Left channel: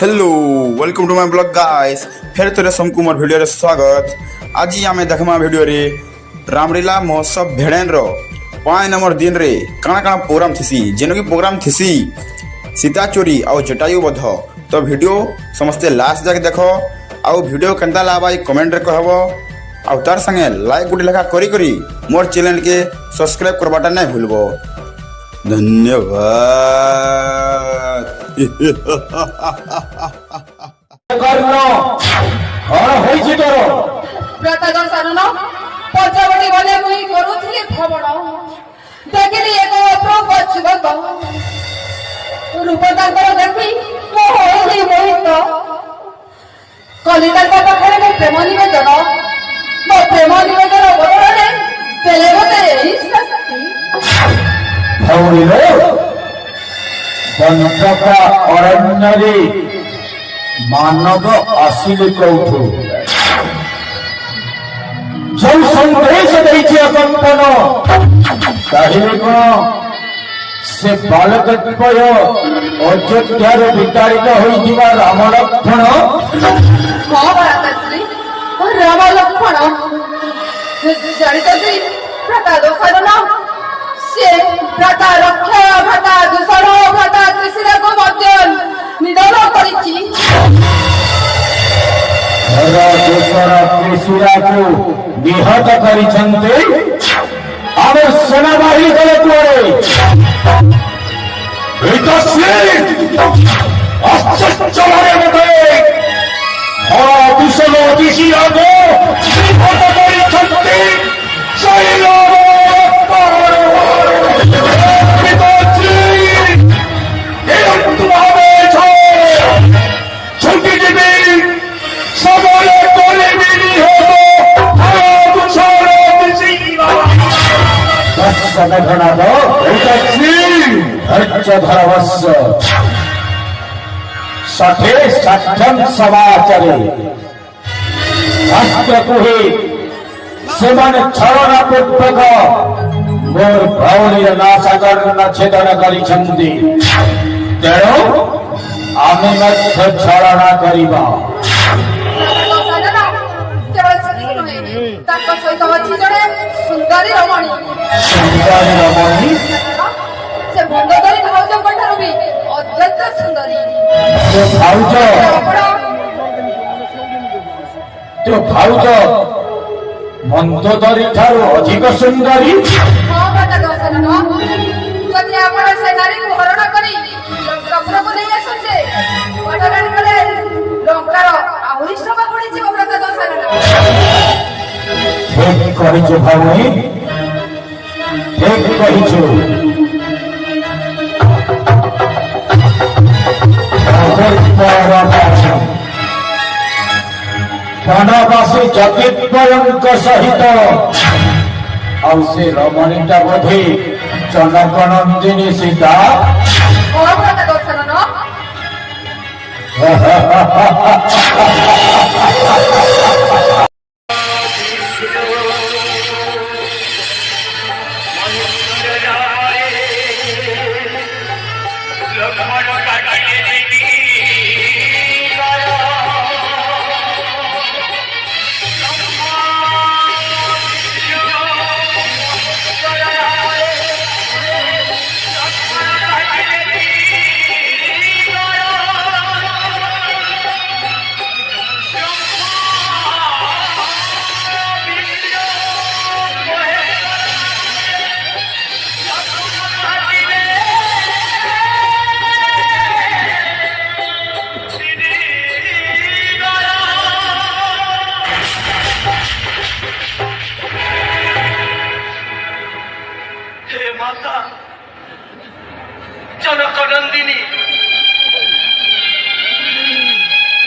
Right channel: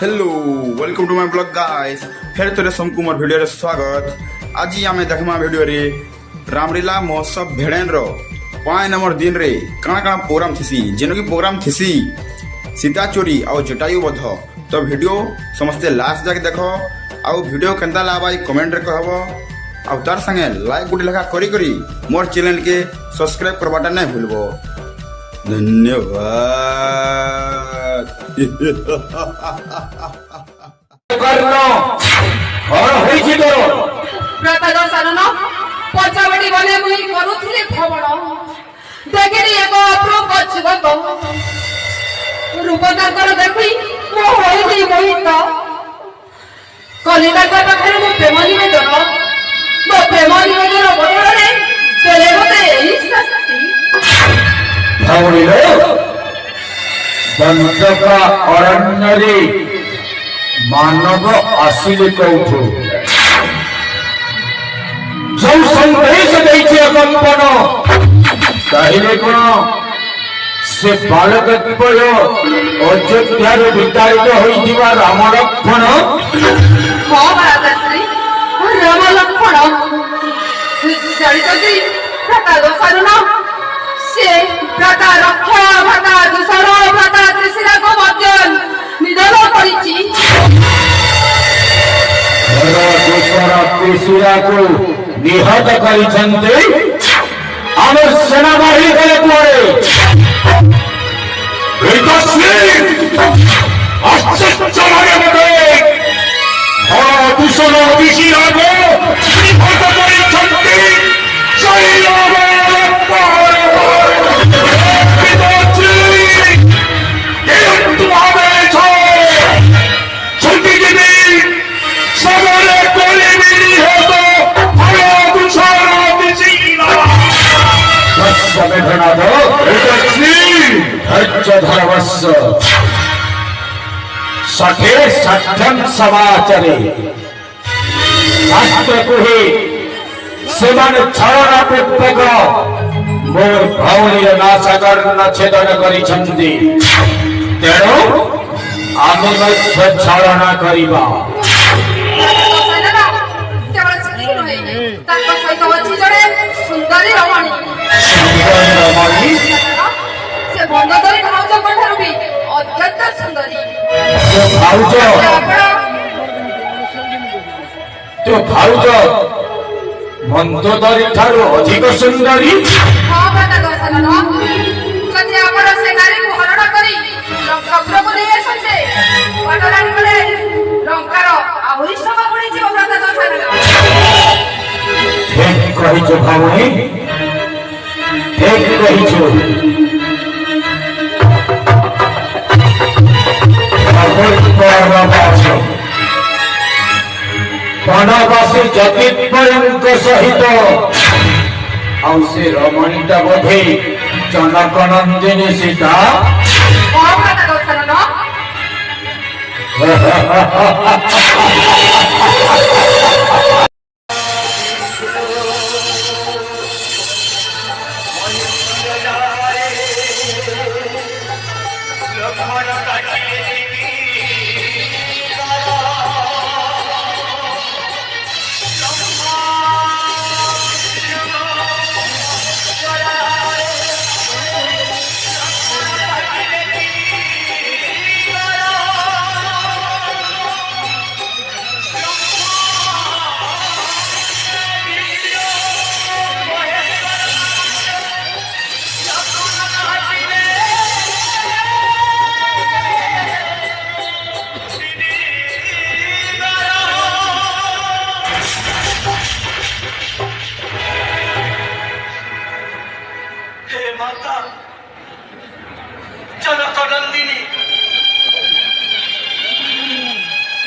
Hello welcome to my blog guys फिर तोरे सबको मोर वीडियो रे स्वागत। आज आमे देखमा वीडियो रे रामलीला महोत्सव भेड़ेन रो 5 नंबर दिन रे काना काना प्रोग्राम थिसी जेनो की प्रोग्राम थिसी सीता चोरी और जटायु बध। तो वीडियो समस्ते लास्ट जाके देखो आउ वीडियो केनता लाबाई कमेंट रे कहबो आउ तार संगे लाइक गुडी लेखा करी करी मोर चैनल के सब्सक्राइब करबाटा नहीं भूलबो। धन्यवाद। करनो और होइछि तोर प्रतागण सानन पचवडी बोले मुई करूथिली भ्रमण देखिली एक अप्रभ जगत रूप तांकर देखि मो होइली मोहित कलिता पाखरे मो प्रेम निवेदन बदଳରେ पेले होते एही शक्ति भवरिलो दंतक अरण्यरे मानव आसिले कौठु जो संदेश दैछि कंपन कहिले कोन से बालक द्वय अयोध्यार विताड़ित होइथिबा राम लक्ष्मण हां भरतश्री राम लक्ष्मण जानितजी प्रतागण सानन से भ्राता रक्षा भ्राता दूषण भ्राता त्रिशिरा को मध्य निधन करिछि। दूसर त्रिशिरा को निहत करिछन्ते आम सेनाबाहिनी गले तोरे आश्चर्य लगे मते दूसर त्रिशिरा को निहत करिछन्ते सठे षठ्यम समाचारे शास्त्र कुहे सेमाने छलना पूर्वक मोर भौलीय नाशगर न छेदन करिछन्ति तेणु आमे मध्य छलना करिबा केवल सेतिक नहे ताको सहित अछि जणे सुंदरी रमणी से बंददरी भाउज कोठारु भी अत्यंत सुंदरी तो भाउज मंदोदरी ठारू अधिक सुंदरी हां भरतगण सानन जति आपण से नारी को हरण करी लंका प्रभु नै असते बडराणी कले लंकार आहुरी सभा पड़ी जीव भरतगण सानन ठीक कहिछु भाई ठीक कहिछु बनवासी जतिद्वयंक सहित और से रमणीटा बोधे जनकनंदिनी सीता माता जनकनंदिनी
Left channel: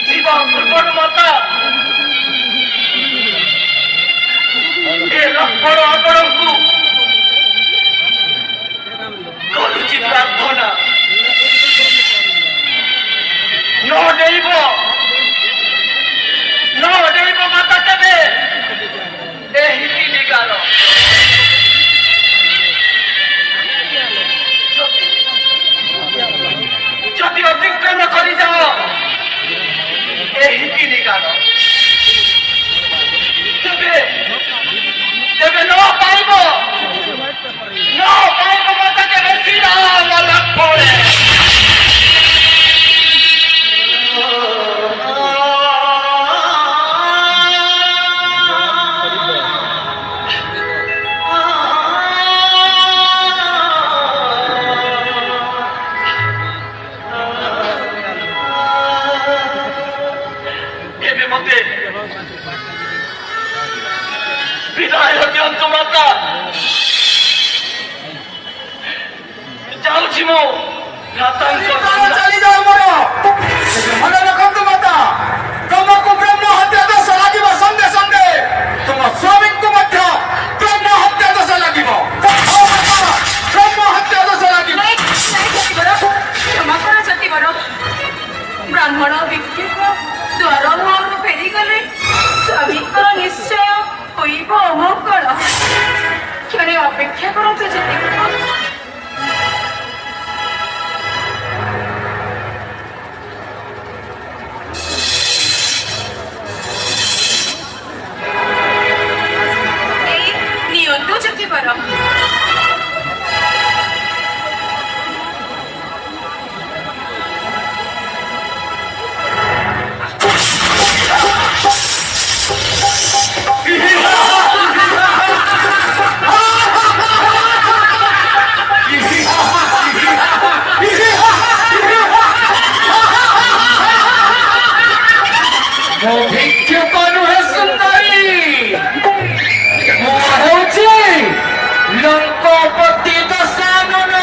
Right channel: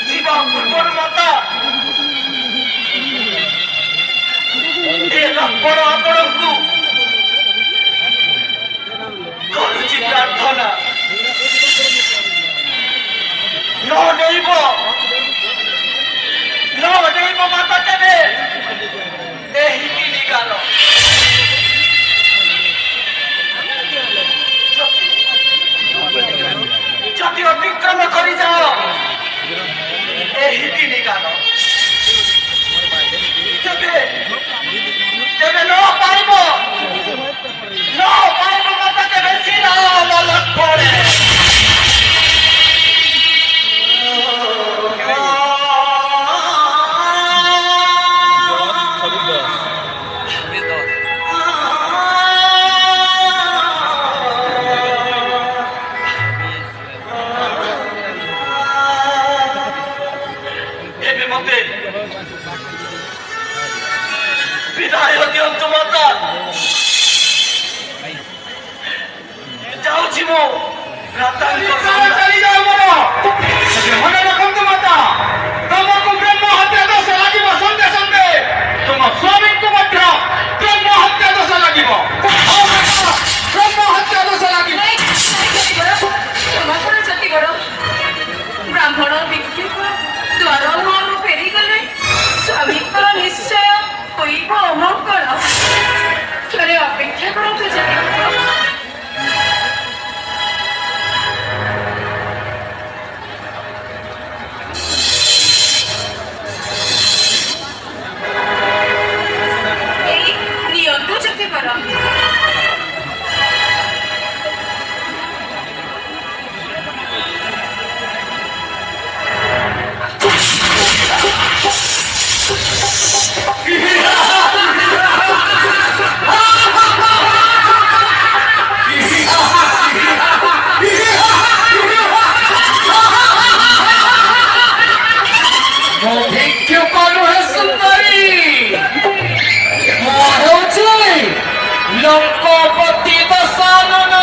जीवा प्रकट माता ए लक्ष्मण आपणଙ୍କୁ କରୁଛି ପ୍ରାର୍ଥନା ନ ଦେବ ମାତା କେବେ ଏହି ନିଗାର যদি অতিক্রম করে যাও ଏହି ନିଗାର ତେବେ ନ ପାଇବ ମତେ କେବେ ଶ୍ରୀରାମ ଲକ୍ଷ୍ମଣେ ଏବେ ମତେ ବିଦାୟ ଦିଅନ୍ତୁ ମାତା ଯାଉଛି ମୁଁ ଭ୍ରାତାଙ୍କ ଚାଲିଯାଅ ମାତା ମନେ ରଖନ୍ତୁ ମାତା ତମକୁ ବ୍ରହ୍ମ ହତ୍ୟା ଦୋଷ ଲାଗିବ ସନ୍ଧେ ସନ୍ଧେ ତୁମ ସ୍ୱାମୀଙ୍କୁ ମଧ୍ୟ ବ୍ରହ୍ମ ହତ୍ୟା ଦୋଷ ଲାଗିବ ବ୍ରହ୍ମ ହତ୍ୟା ଦୋଷ ଲାଗିବ କ୍ଷମା କର ସତୀବର ବ୍ରାହ୍ମଣ ବିକ୍ଷିପ୍ତ ଦ୍ୱାର ମୁହଁରୁ ଫେରିଗଲେ ସ୍ୱାମୀଙ୍କର ନିଶ୍ଚୟ ହୋଇବ ଅମଙ୍ଗଳ ଥରେ ଅପେକ୍ଷା କରନ୍ତୁ ସତୀବର ନିଅନ୍ତୁ ସତୀବର ମୋ ଭିକ୍ଷୁକ ନୁହେଁ ସୁନ୍ଦରୀ ମୁଁ ହଉଛି ଲୋକପତି ଦଶାନନ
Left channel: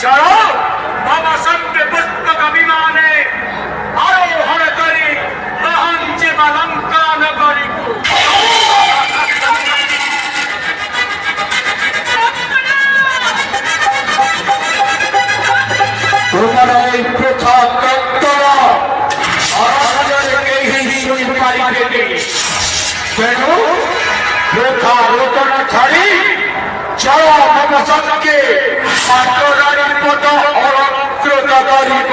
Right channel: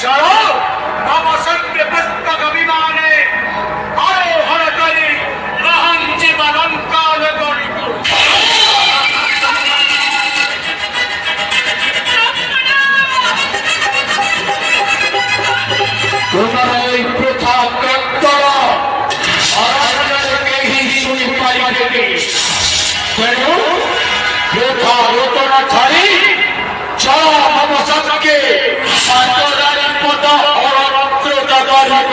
चलो बाबा संत पुस्तक अभिमाने आरोहण करी अहंचे बालंका नगरी तुम्हारे प्रथा कत्तर केही शुणी पारिबे तेणु प्रथा रोदन छाड़ी चलो मम संगे पाटरानी पद अलंकृत करिब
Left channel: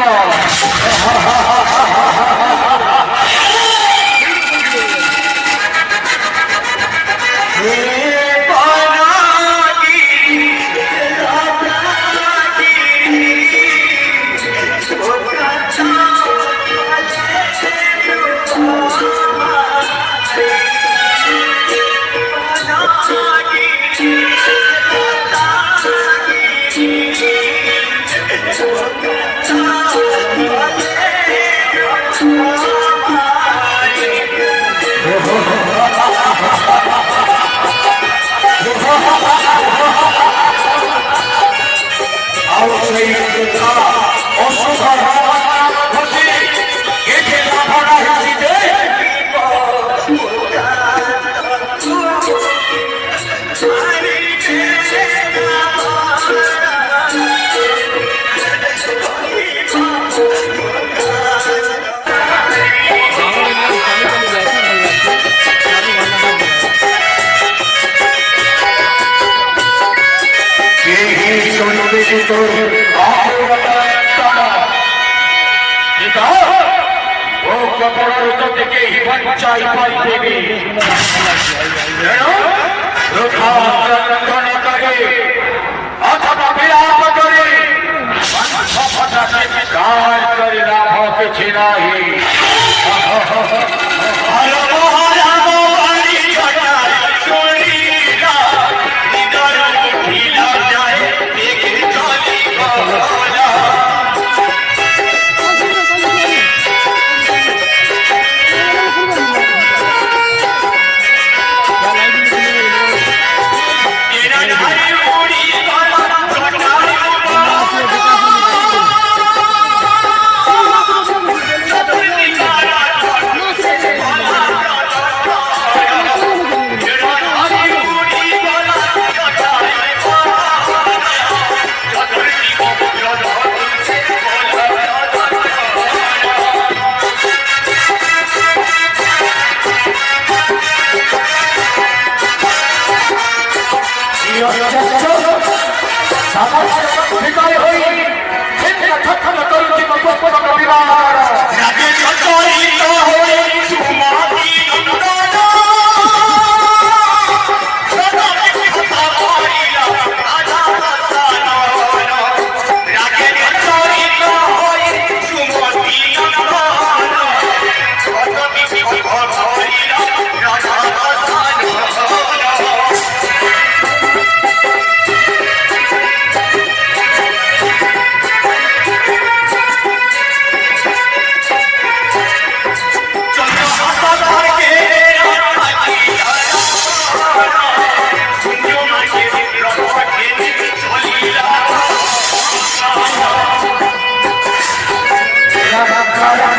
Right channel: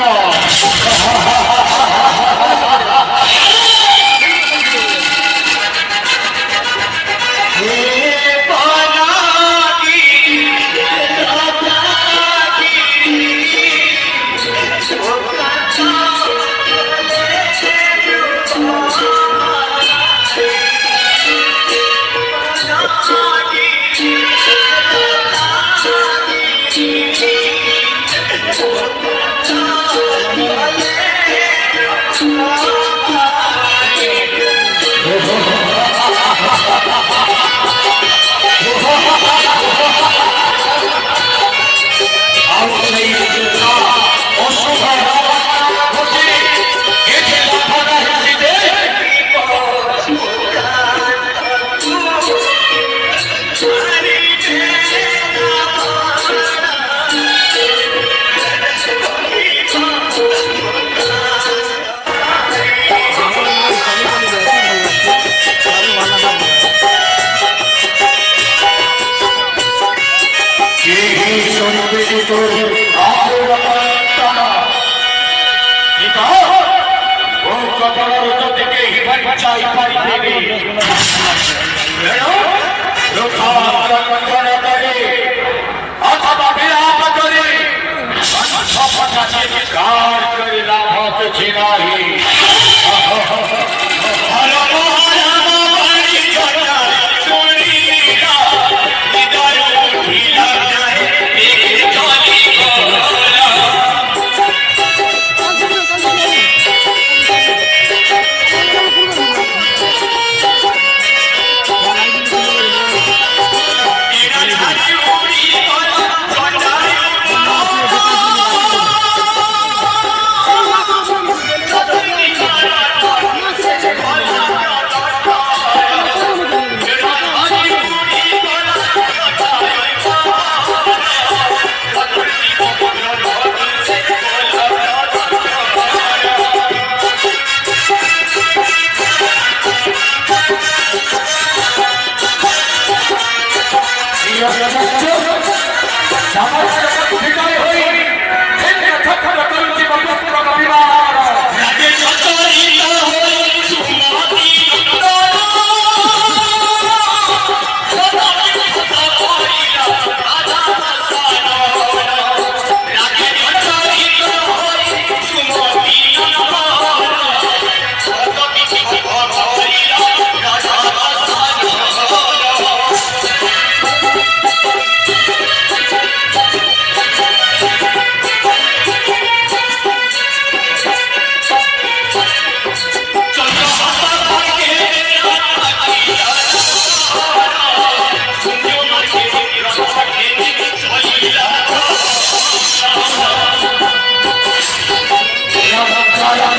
अथवा विलाप करे Hare